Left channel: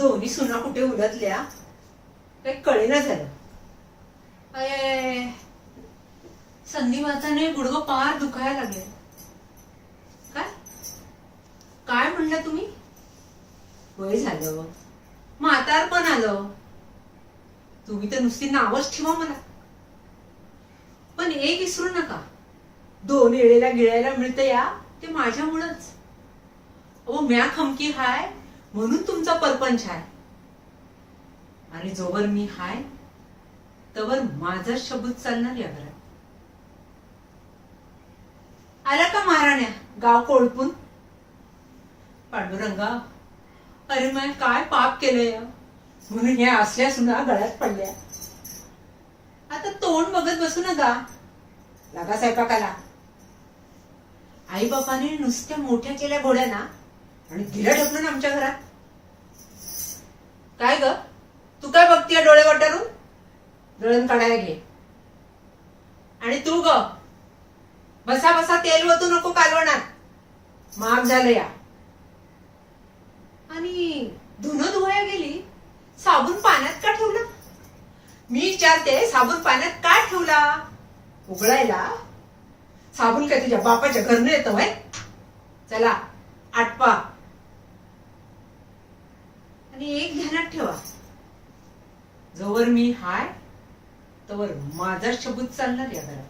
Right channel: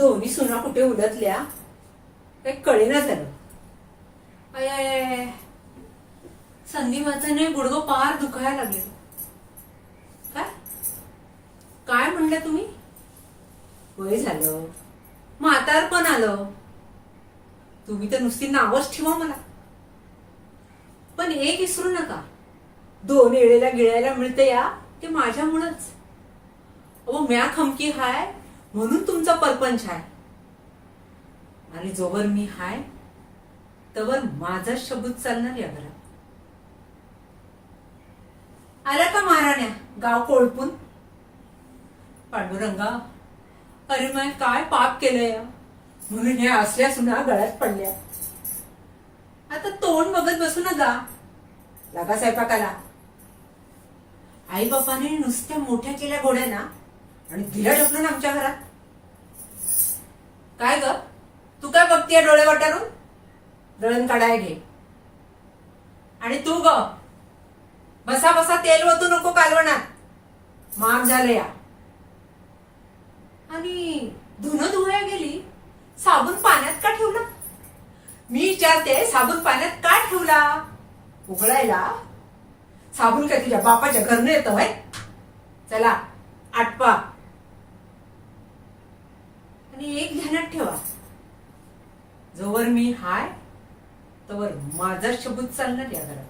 दोन्ही सुना कुठे उलटल्या काही कळेना झालं. अय संधीवाताने गुडघं पार दुखायला लागले. काय काय म्हणलं तुम्ही? वय झालं, म्हातारपण आलं. तुम्ही तर नुसती नावच ठेवा मला. पण एक विसरू नका, दोन येळेला गिळायला मिळतं या ते माझ्यामुळंच. अहो म्या खमकी हाय म्हणून तुमचा परपंच हाय. आणि जोवर मी हाय तवर माझा शब्द चालणार या घरात. आला का महाराण्या गाव कोळपून? पांडुरंगा, अरे मैं काय पाप केलंय म्हणून ह्या असल्या सुना गळ्यात पडल्या. आता तोंड बघत बसू ना जा, लागा स्वयंपाकाला. आई बापाने नुसत्या मोठ्या केल्या घोड्या ना आणि दिल्या ढकलून आमच्या घरात. काय ग तू काय बघतीय डोळे वटारून? दळण काढाय घे. आणि तू ग बसा बसा तेल ओतू नको कालवणात, महाग झालं या. आणि धुणं धुवायला गेली, साबण पाण्यात का ठेवला? मी विचारते, साबण पाण्यात का ठेवला? उघडायला साबण काय तुझ्या बापाच्या घरनं येतं व्हय? चला आटपा. आणि एक ध्यानात ठेवा, जोवर मी हाय तवर माझा शब्द चालणार या घरात.